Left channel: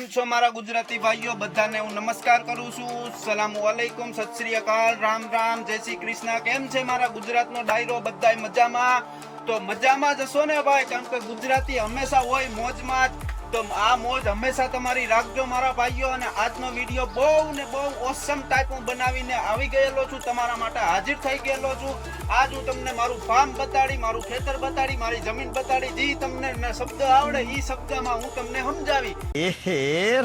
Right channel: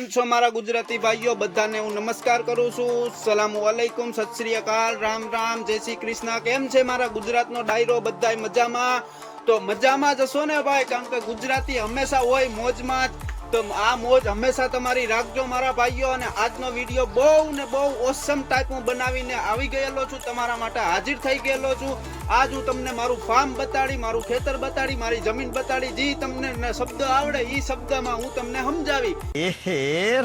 કેમ છો મારા ગુજરાતી ભાઈઓ? બધાને હું નમસ્કાર કરું છું. સલામુ અલૈકુમ, સત શ્રી અકાલ, રામ રામ, જય શ્રી કૃષ્ણ. કેમ છે મારા ગુજરાતનો ડાયરો? બધાય મજામાં? તો મજામાં જ હશો ને ભાઈ, કારણ કે ગુજરાતી હંમેશા હોય મોજમાં જ. તો આ મોજ હંમેશા તમારી રાખજો મારા ભાઈઓ. અને આજનો વિડીયો બહુ ને બહુ ઓસમ ટાઈપ હું બનાવીને આવી ગયેલો છું, તમારા માટે હાજર થઈ ગયેલો છું. આજ હું તમને મારું ફાર્મ બતાડી, મારું ખેતર બતાડી, મારી જમીન બતાડી. જે તમને શબ્દ આવડે એ શબ્દમાં હું તમને સમજાવી.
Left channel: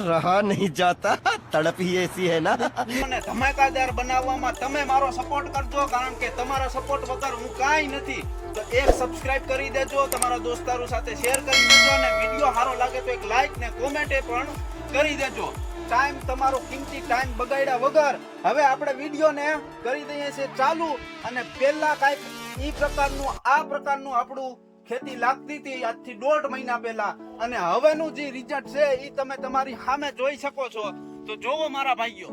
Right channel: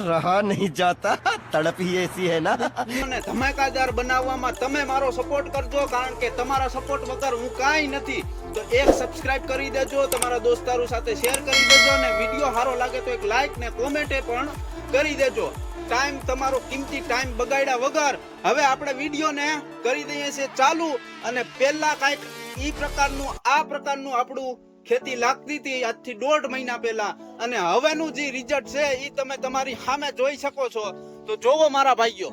रहा नहीं जाता, तड़प ही ऐसी है ना. મને ધમાકેદાર બનાવવામાં તમે મારો સપોર્ટ કરજો, કારણ કે તમારા સપોર્ટ વગર હું કાંઈ નથી. તો એક સબસ્ક્રાઇબ કરી દેજો, તમારા દોસ્તારો સાથે શેર કરી દેજો, અને વિડીયો સારો લાગે તો એક લાઈક ને કોમેન્ટ પણ કરી દેજો. ટાઈમ તમારો કિંમતી ટાઈમ બગાડ્યા વગર હવે આપણે વિડીયો ને કરી દઈએ છીએ ચાલુ. અને પહેલા કાંઈક ઈ પ્રકારનું આ પ્રકારનું આપણું ખેતી લાગતી હતી આજથી 1.5 મહિના પહેલા, અને હવેનું જે રિઝલ્ટ છે એ તમે તમારી સામે જોઈ શકો છો. તો જોવો મારા ભાઈઓ.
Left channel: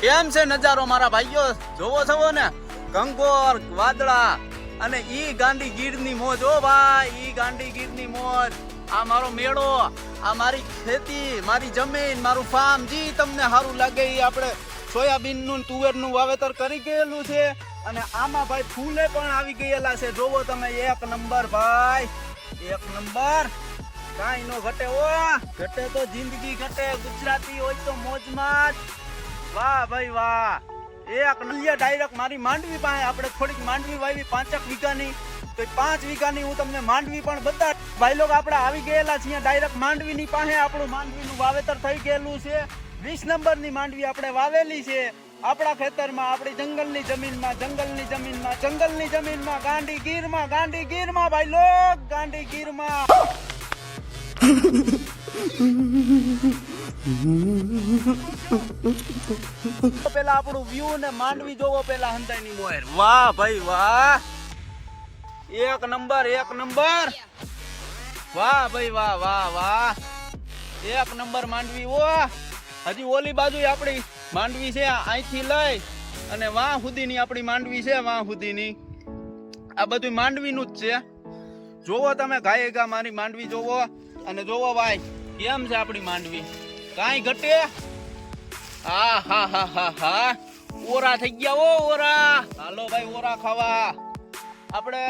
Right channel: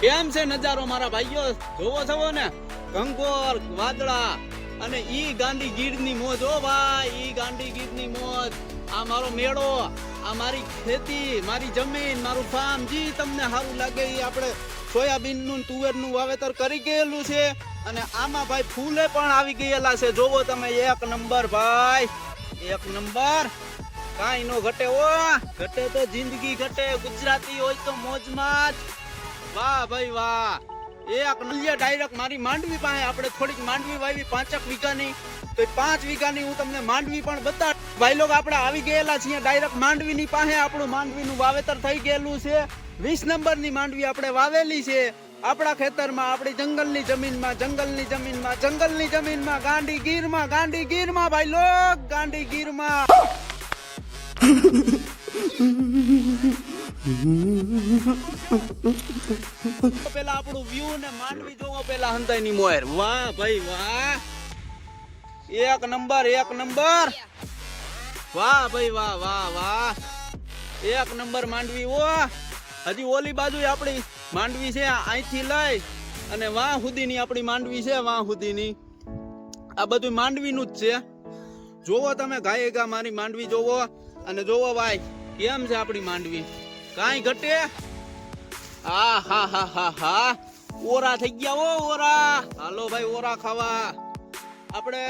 કેમ છે નજારો મારા ભાઈઓ? જોવો છો ને, કંકોર વાદળા અને ઈ ગાંડી ગીરની મોજ. ઓ ભાઈ, ઈ ગાંડી ગીરની મોજ. આ મારો મેળો, આ મારી ખેતી, મારી જમીન, મારું ફાર્મ. જી તમને સારું લાગે એ આપણે સોયાબીન નું તુવેર નું વાવેતર કરી ગયેલું છે. અને આમાં ભાઈ ફૂલે પણ આવી ગયેલા છે. જોવો તમે, એક નંબર ભાઈ, એક નંબર. કાંઈ નો ઘટે. ઓ ઘટે તો જિંદગી ઘટે. ગુજરાતી હોય તો મોજમાં જ. વાહ ભાઈ વાહ. એક નલિયા ડાયરેક્ટ મારી માંડવી પાસે આપણે થોડીક માંડવી વાવી 5 વીઘાની. તો 5 વીઘાની હું તમને માંડવી પણ બતાડ. ભાઈ લોક આપણે આવી ગયેલા છીએ ડાયરેક્ટ માંડવીની પાસે. આપણું માંડવીનું વાવેતર થઈ ગયેલું છે. 20 નંબરની માંડવી આપણે વાવેલી છે આપણા ખેતરમાં, આપણી જંગલની જમીનમાં, જંગલની જમીનમાં, જંગલની જમીનમાં, ગાંડી ગીરમાં, ગાંડી ગીરમાં ભાઈ લોક, ગાંડી ગીરમાં. પેલા આપણું વ્યૂ ને માંડવી જોવો પેલા હંતાઈની મોહેર. વાહ ભાઈ વાહ, એક નંબર, એક નંબર. વાહ ભાઈ વાહ, વાહ વાહ, એક નંબર માંડવી. ઓ હજી ઓલી બાજુ આપણી માંડવી છે, અહીંથી લઈ અને વાહ સુધીની આપણી માંડવી છે, વાહ સુધીની. આ બધું માંડવીનું જ છે. જોવો તમે ગાયે ગા મારી માંડવી જોવો. અને જોવો ભાઈ કેમ છે આપણી માંડવી, કાંઈ ઘટે. હા હા હા હા હા, ઓરા થઈ ગયા. ઓ ઓરા, હાલો ભાઈ ઓરા ખાવા. આપણે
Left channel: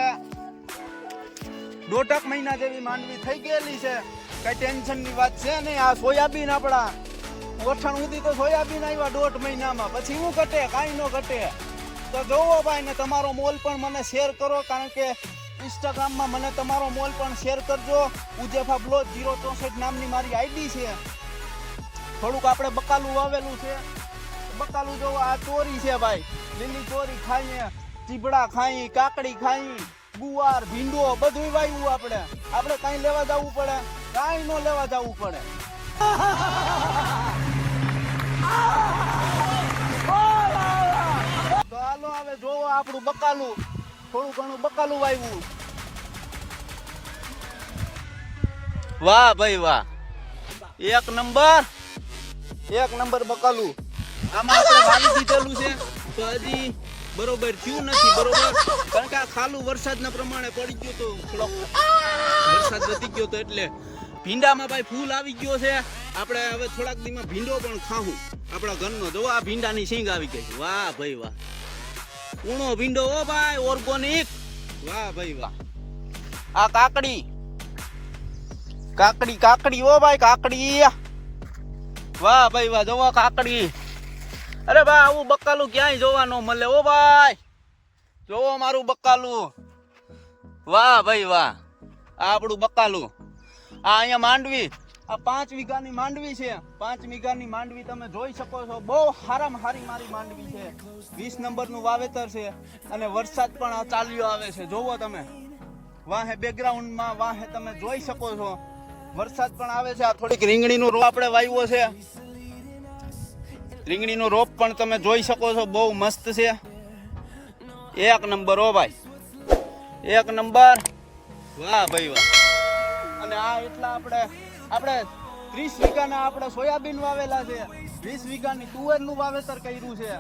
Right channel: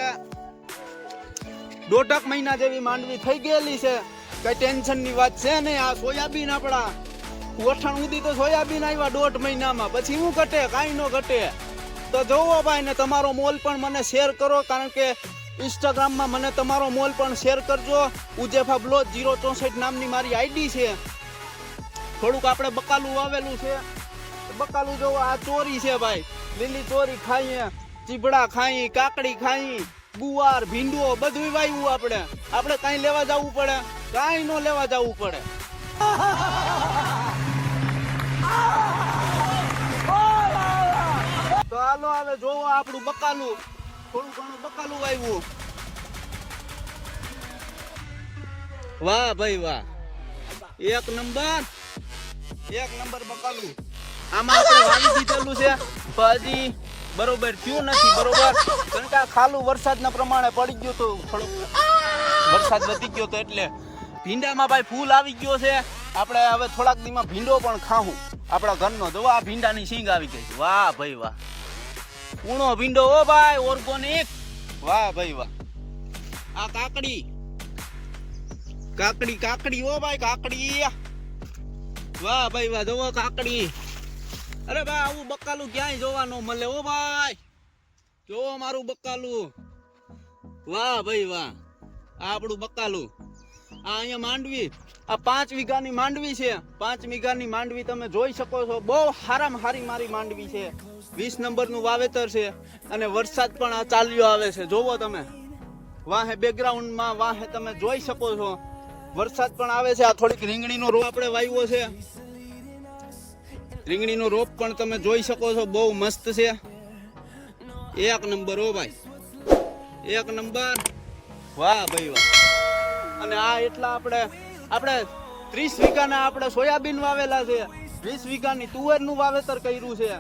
1.5 મહિના જેવી માંડવી થઈ ગયેલી છે. કઈ ટેન્શન ની વાત છે ને. આ સોયાબીન આપણા ઓઠાણ સુધી તો સોયાબીન આવ્યા 1.5 મહિનામાં. પછી શું ઘટે? કાંઈ નો ઘટે. તો જોવો ભાઈ, ને તમારો મોલ પણ મને શેર કરો, કારણ કે ઇન્સ્ટાગ્રામમાં મને તમારો મોલ પણ શેર કરજો. ઉજેફા બ્લોગ 064 નામની મારી આઈડી છે. થોડુંક આપણે બકાલું વાવેલું છે. બકાલું જોવો, આ ચોરી છે ભાઈ, લીલી ચોરી ખાઈએ, ચીબડા ખાઈ, કાકડી ખાઈ, ગુવાર, ભીંડો બધું વાવ્યું. આપણે કાંઈ લેવા જવું પડે? કાંઈ નો લેવા જવું પડે. તો હાલો હવે જોવો આપણું બકાલું, થોડું ઘણું બકાલું વાવ્યું. વાહ ભાઈ વાહ, એક નંબર, એક નંબર બકાલું. આમાં આપણે વાવી દીધેલું છે, હજી બરોબર થયું નથી. બરોબર, કારણ કે આ ખાલું વરસાદના પ્રમાણે પડી ગયું હતું. થોડોક વરસાદ વધી ગયો તો એટલે ભીંડામાં ભાઈ ફૂલ આવી ગયો છે. આપણે હવે થોડાક દીમાં ભીંડો પણ ખાવું આપણા ઘરનો. જોવો આ ભીંડાની સિંગ આવી ગઈ. વાહ ભાઈ વાહ, કૂણો ભીંડો. ઓ ભાઈ ઓર્ગોનિક. વાહ ભાઈ વાહ. આ કાકડી, કાકડી, કાકડી. ઓ ભાઈ કાકડી. વાહ ભાઈ વાહ, જોવો કાકડી. અરે ભાઈ આવું બકાલું ક્યાંય જોવા ન મળે. ઓ ભાઈ જોવો મારું બકાલું. વાહ ભાઈ વાહ, આ આપણું બકાલું. આ અહીંયા માંડવી, આ 5 વીઘાની માંડવી છે. 5 વીઘાની માંડવી તમે જોઈ શકો છો. બહુ સારામાં સારી મારી માંડવી છે. 20 નંબરનું વાવેતર છે. અને વરસાદ પણ આ ચાલ્યો આવે છે. જોવો તમે વાહે બેકગ્રાઉન્ડમાં, વાહે તમે જોઈ શકો છો વરસાદ પણ આવે છે. આ થોડીક રીંગણીનો રોપ આપણે વાવ્યો છે. રીંગણીનો રોપ પણ તમે જોઈ શકો છો, બહુ મસ્ત છે. એક નંબર. ઓ ભાઈ એક નંબર. વાહ ભાઈ વાહ. અને આ એટલા આપણે 30 વીઘાના આપણે સોયાબીન વાવેલા છે. 20 વીઘાની તુવેરનું વાવેતર કર્યું છે.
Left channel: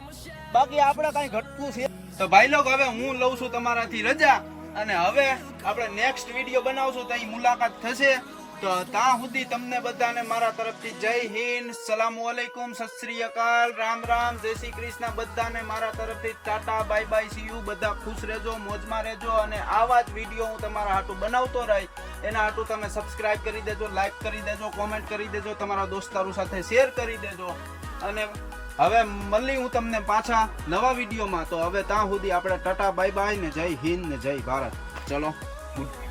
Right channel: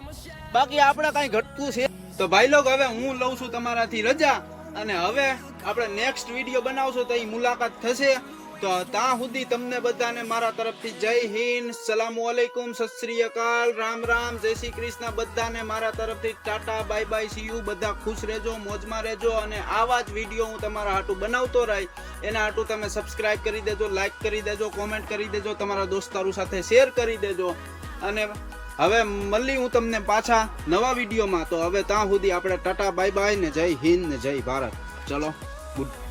બાકી આપણે કઈ ઘટતું છે તો ભાઈ લોગ હવે હું લઉં છું તમારાથી રજા, અને હવે આપણે નેક્સ્ટ વિડીયો બનાવશું તો મુલાકાત થશે. તો ત્યાં સુધી તમને બધાને મારા તરફથી જય હિન્દ, સલામુ અલૈકુમ, સત શ્રી અકાલ, રામ રામ, જય શ્રી કૃષ્ણ. બધાને મારા તરફથી Tata, bye bye, C you. બધા ખુશ રહેજો, મોજમાં રહેજો, અને આવા જ વિડીયો હું તમારા હાટું બનાવતો રહી. એના હાટું તમે સબસ્ક્રાઇબ કરી દેજો, લાઈક કરી દેજો, કોમેન્ટ કરી દેજો, તમારા દોસ્તારો સાથે શેર કરી દેજો. અને હવે મળી હું તમને પાછા નવા વિડીયોમાં. તો હવે ત્યાં સુધી આપણે ટાટા, બાય બાય, ને જય હિન્દ ને જય ભારત. ચલો, ગુડ.